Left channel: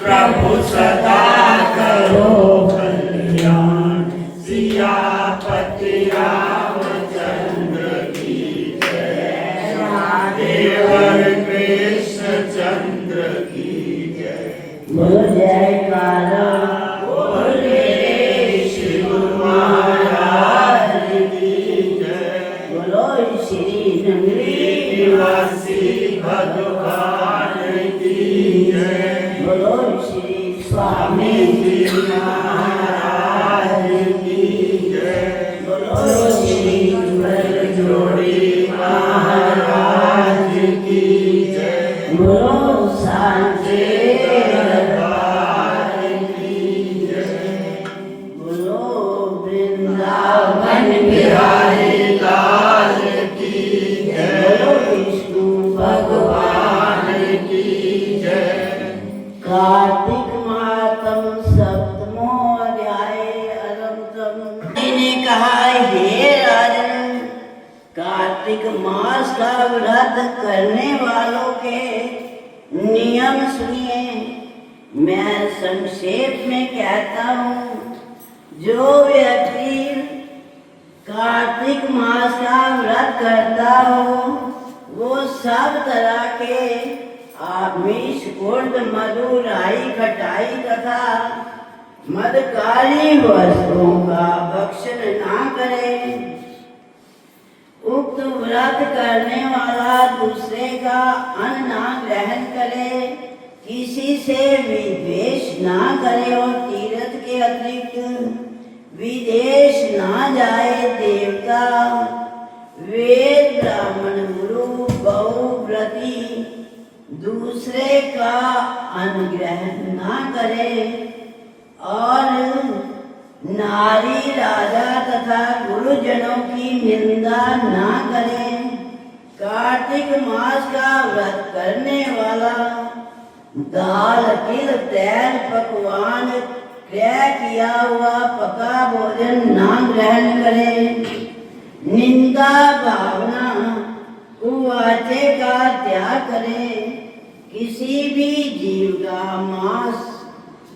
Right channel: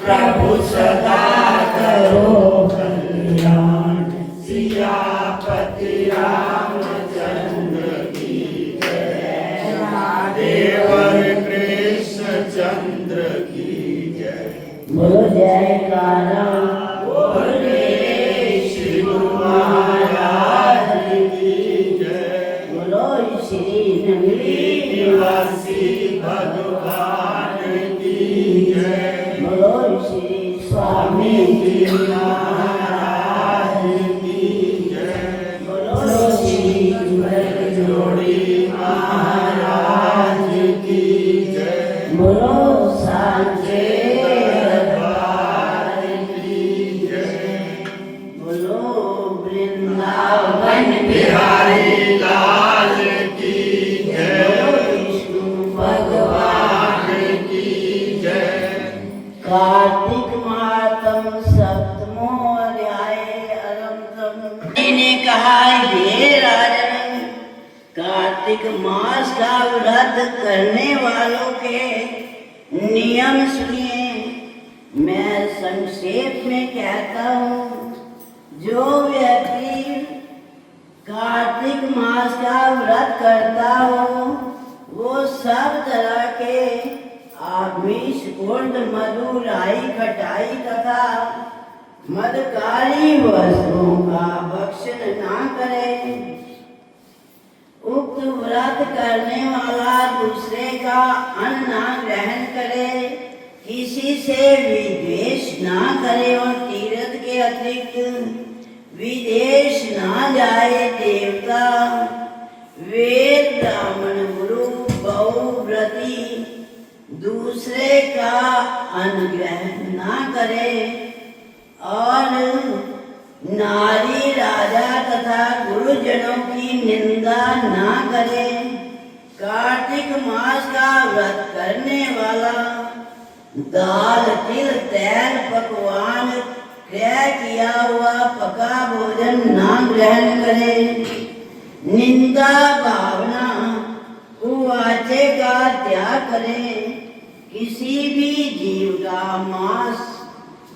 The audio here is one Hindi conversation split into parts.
प्रभु सदा करो कल्याण। सियापति रामचंद्र की जय। देवर कृष्ण चंद्र की जय। बोलो जयकारा बोले शिव महाराज की जय। बोलो श्री नंदी निवासी भगवान की जय। बोलो श्री स्वामी जी महाराज की जय। बोलो श्री जोड़ी महाराज की जय। बोलो सांचे दरबार की जय। बोलो वृंदावन बिहारी लाल की जय। बोलो विष्णु भगवान की जय। कार्तिक मातम सप्तमो अध्याय अनंतम ने कहा, हे राजन, कार्तिक मास का व्रत करने वालों के नियम सुनिए। मैं संक्षेप में कहता हूँ, जो व्यक्ति कार्तिक मास का व्रत करता हो वो सब तरह के आमिष, उर्द, मधु, राई, खटाई तथा मदकारी वस्तुओं का भक्षण ना करे। उक्त व्रत करने वाला दूसरे का अन्न ना ग्रहण करे, किसी से विद्वेष ना करे और तीर्थ के अतिरिक्त विदेश ना जाए। देवता, वेद, ब्राह्मण, गुरु, बहुव्रती दूसरे का अनुग्रहण ना करे और नारी, राजा तथा गुरुजनों की निंदा ना करे। कार्तिक मास का व्रत करने वाला दाल, तिल, तेल, पकवान, क्रय किया हुआ पका भोजन ना ग्रहण करे। निंदा, भावना, कुवाचे का त्याग करे। किसी भी जीव का मांस,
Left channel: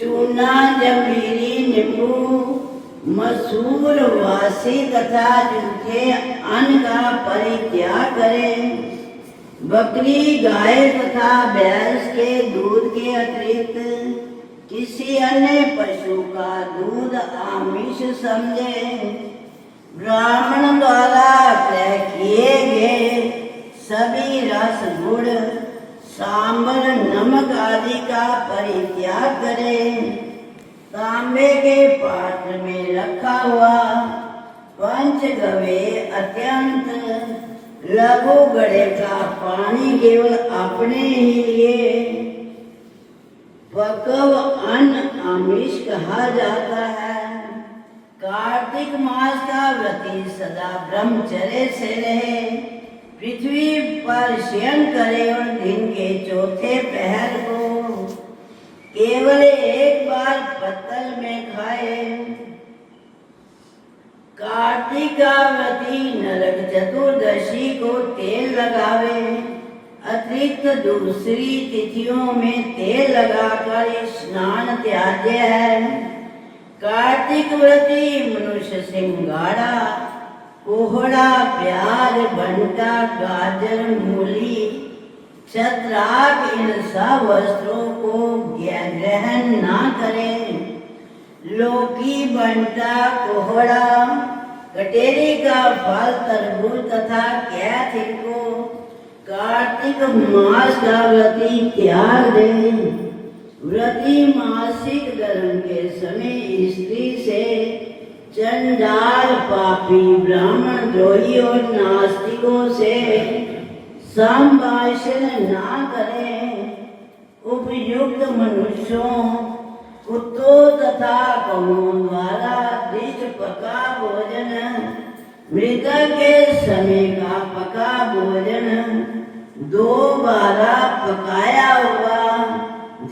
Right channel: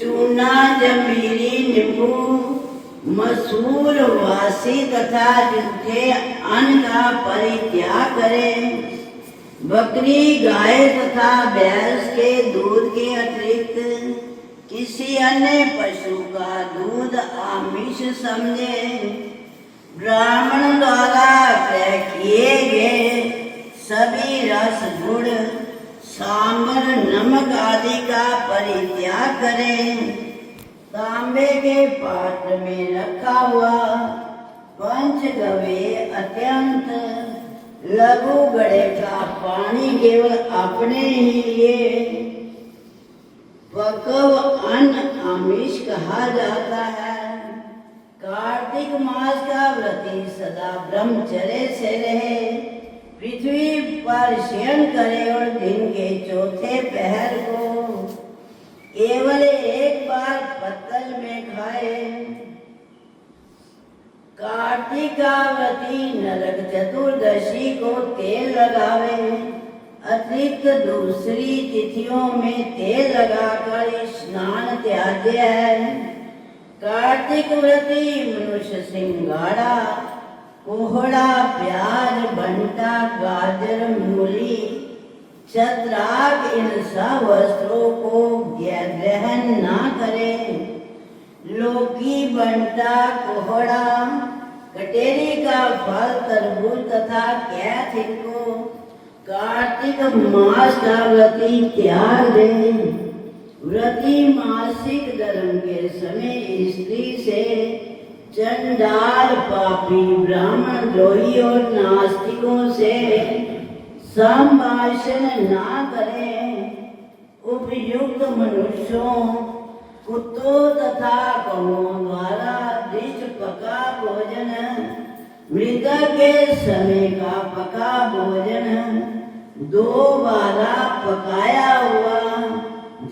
चूना, जंभीरी, नींबू, मसूर, वासी तथा जिनके अन्न का परित्याग करे। बकरी, गाय तथा भैंस के दूध के अतिरिक्त किसी अन्य पशु का दूध आमिष समझे। ब्राह्मण द्वारा क्रय किए गए सभी रस, गुड़, सांबर, नमक आदि का परित्याग करें। तांबे के पात्र में रखा हुआ पंचगव्य अत्यंत लघु घड़े का पानी केवल अपने ही लिए पकव अन्न आमिष कहा जाता है। कार्तिक मास का व्रती सदा ब्रह्मचर्य से रहे, पृथ्वी पर शयन करे और दिन के चौथे पहर को केवल एक बार पत्तल में खाए। कार्तिक का व्रती नरक चतुर्दशी को तेल लगावे। अतिरिक्त दूसरी तिथियों में तेल लगाकर स्नान त्याज्य है। कार्तिक व्रती मनुष्य सिंगाड़ा, कोहड़ा, प्याज, भंटा, गाजर, मूली, छत्राक इन सब वस्त्रों को ग्रहण ना करें। लौकी, भंटा, कोहड़ा, कटेरी का फल, तरबूज तथा कैथ को कार्तिक मास का व्रती त्याग दें। व्रती मासिक धर्म के समय स्त्री से चंडाल, पापी, ब्राह्मण, द्रोही और नास्तिकों से संभाषण ना करें। उपयुक्त मनुष्यों कुत्तों तथा कौओं द्वारा दृष्ट पका भोजन, मृतक के समय का पका भोजन, 2 बारा पकाया हुआ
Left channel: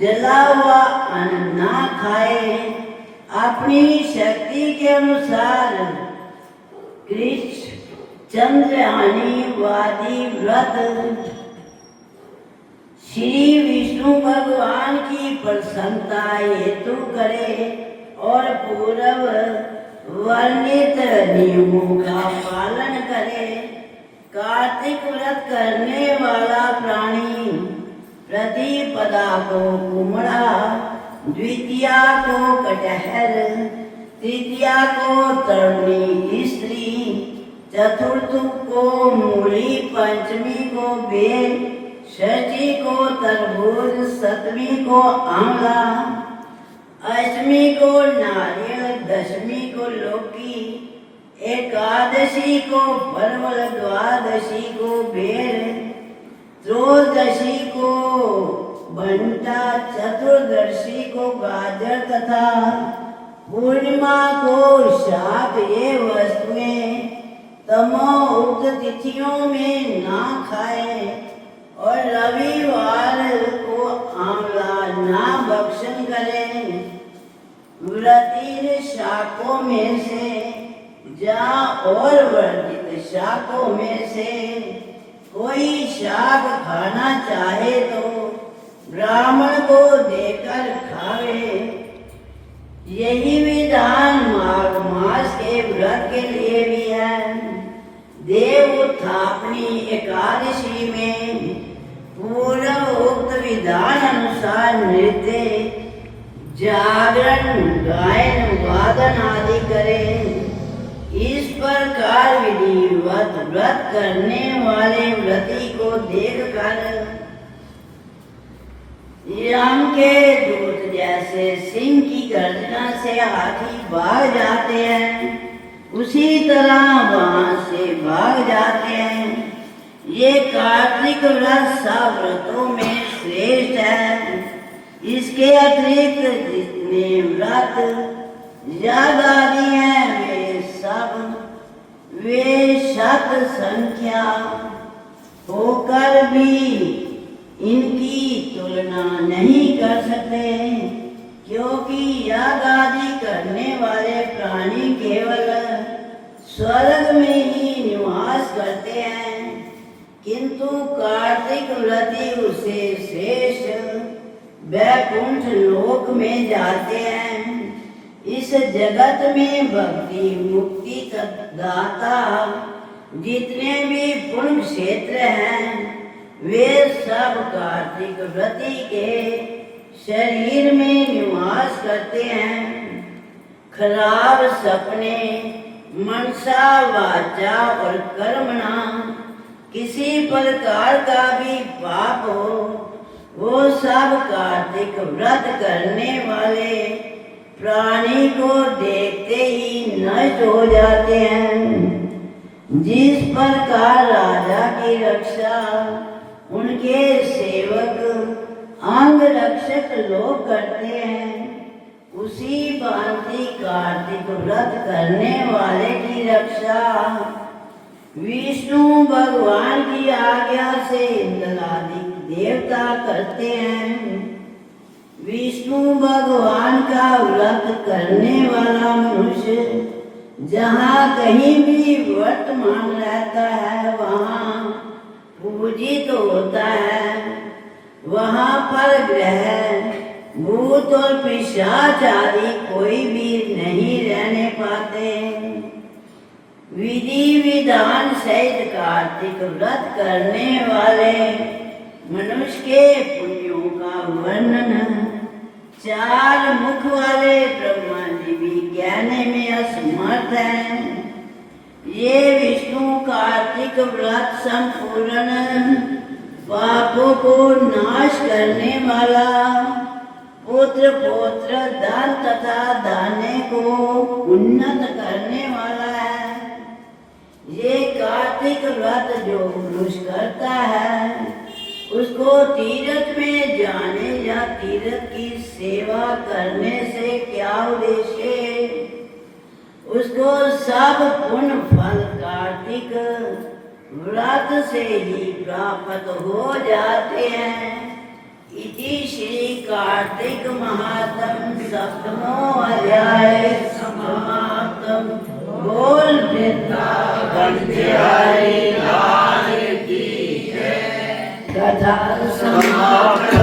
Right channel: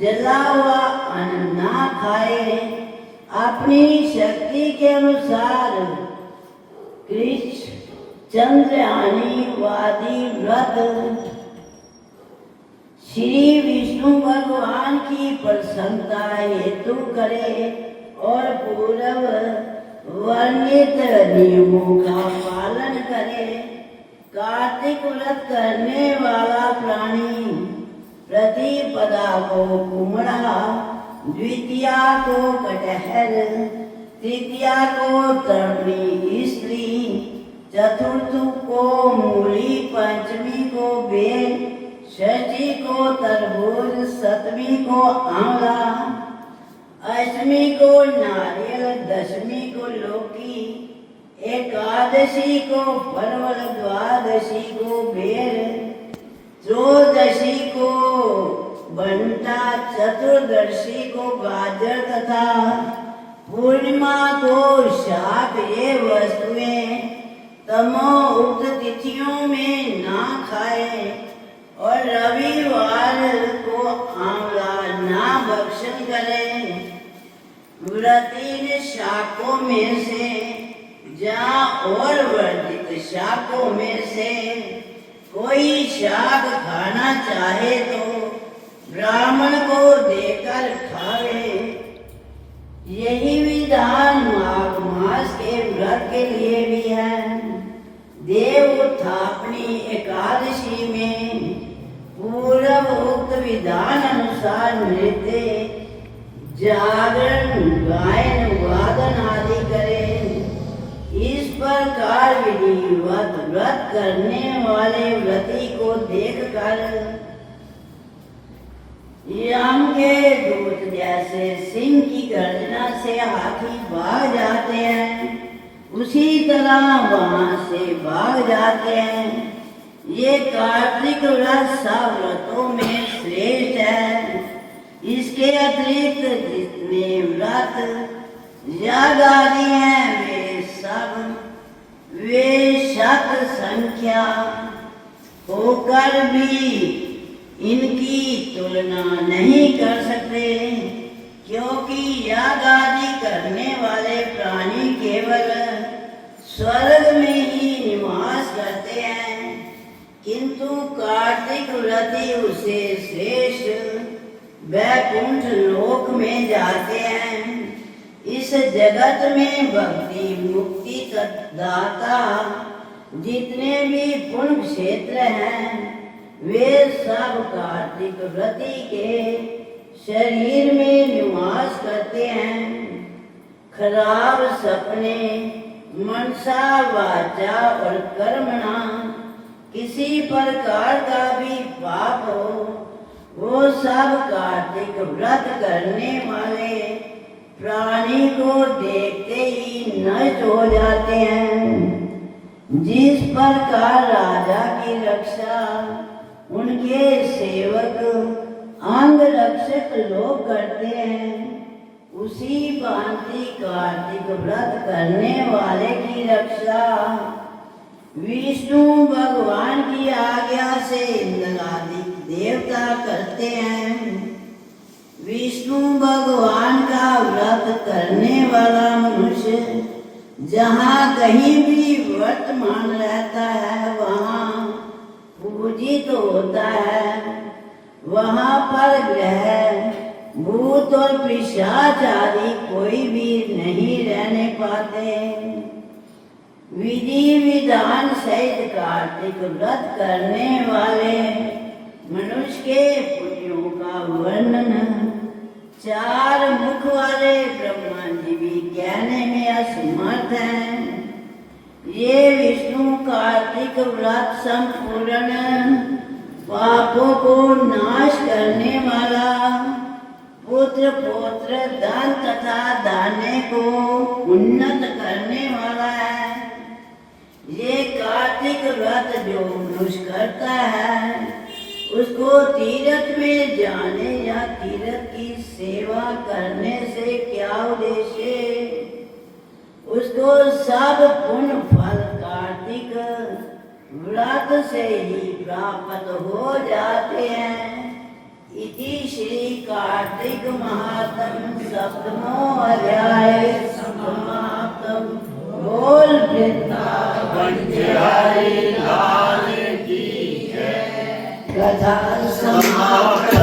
जला हुआ अन्न ना खाए, अपनी शक्ति के अनुसार कृष्ण चंद्रयानी वादी व्रत श्री विष्णु भगवान की प्रसन्नता हेतु करे और पूर्व वर्णित नियमों का पालन करे। कार्तिक व्रत करने वाला प्राणी प्रतिपदा को कुमड़ा, द्वितीया को कटहल, तृतीया को तरुणी स्त्री, चतुर्थ को मूली, पंचमी को बेल, षष्ठी को तरबूज, सप्तमी को आंवला, अष्टमी को नारियल, दशमी को लौकी, एकादशी को परवल, द्वादशी को बेर, त्रयोदशी को बंटा, चतुर्दशी को गाजर तथा पूर्णिमा को शाक। ये वस्तुएं तमो उक्त तिथियों में ना खाए और रविवार को आंवला ना भक्षण करें। व्रतीन शाकों में से और वर्जित शाकों में से कोई शाक खाना चाहे तो ब्राह्मण को देकर खावे। यही विधान माघ मास के व्रत के लिए भी है। देव उत्थापनी एकादशी में पूर्व उक्त विधान अनुसार नृत्य, जागरण, गायन, वादन आदि करें। इस प्रकार विधिवत व्रत करने वाले व्रती को देखकर यम के दूत जैसे सिंह की गर्जना से हाथी भाग जाते हैं, उसी तरह वहां से भाग जाते हैं। ये कार्तिक व्रत सब व्रतों में श्रेष्ठ है। इसके अतिरिक्त जितने व्रत याग आदि हैं वे शत संख्या होकर भी इनकी तुलना नहीं कर सकते, क्योंकि याग आदि करने वाले प्राणी केवल स्वर्ग में ही निवास करते हैं, किंतु कार्तिक व्रती उसे श्रेष्ठ वैकुंठ लोक में जाते हैं। इस जगत में भक्ति मुक्ति दाता जितने भी पुण्य क्षेत्र हैं वे सब कार्तिक व्रती के शरीर में निवास करते हैं। खराब सपने, मनसा, वाचा और कर्मणा किसी प्रकार का भी पाप हो, वो सब कार्तिक व्रत करने वाले प्राणी को देखते ही नष्ट हो जाते हैं। जिस प्रकार राजा की रक्षा उनके सेवक अंग रक्षक लोग करते हैं, उसी भांति कार्तिक व्रत करने वाले की रक्षा विष्णु भगवान की आज्ञा से इंद्रादि देवता करते हैं। विष्णु भगवान का व्रत करने वाला मनुष्य जहाँ कहीं भी वर्तमान रहता है वहाँ पूजित होता है। वहाँ पर ग्रह, भूत और पिशाच आदि कोई भी नहीं रहने पाते। विधि विधान सहित कार्तिक व्रत करने वाले मनुष्य के पुण्यों का वर्णन 4 मुख वाले ब्रह्मा जी भी कहने में असमर्थ हैं। ये विष्णु कार्तिक व्रत संपूर्ण पापों को नाश करने वाला, पुत्र पौत्र धन तथा दाने को उन्नत करने वाला है। ये कार्तिक व्रत जो मनुष्य करता है उसको तीर्थ में जाने या तीर्थ की सेवा करने से क्या उद्देश्य, उसको सब पुण्य फल कार्तिक व्रत से ही प्राप्त हो जाते हैं। इति श्री कार्तिक महात्म सप्तमो अध्याय समाप्तम। बोल वृंदावन बिहारी लाल की जय। कथा समाप्त।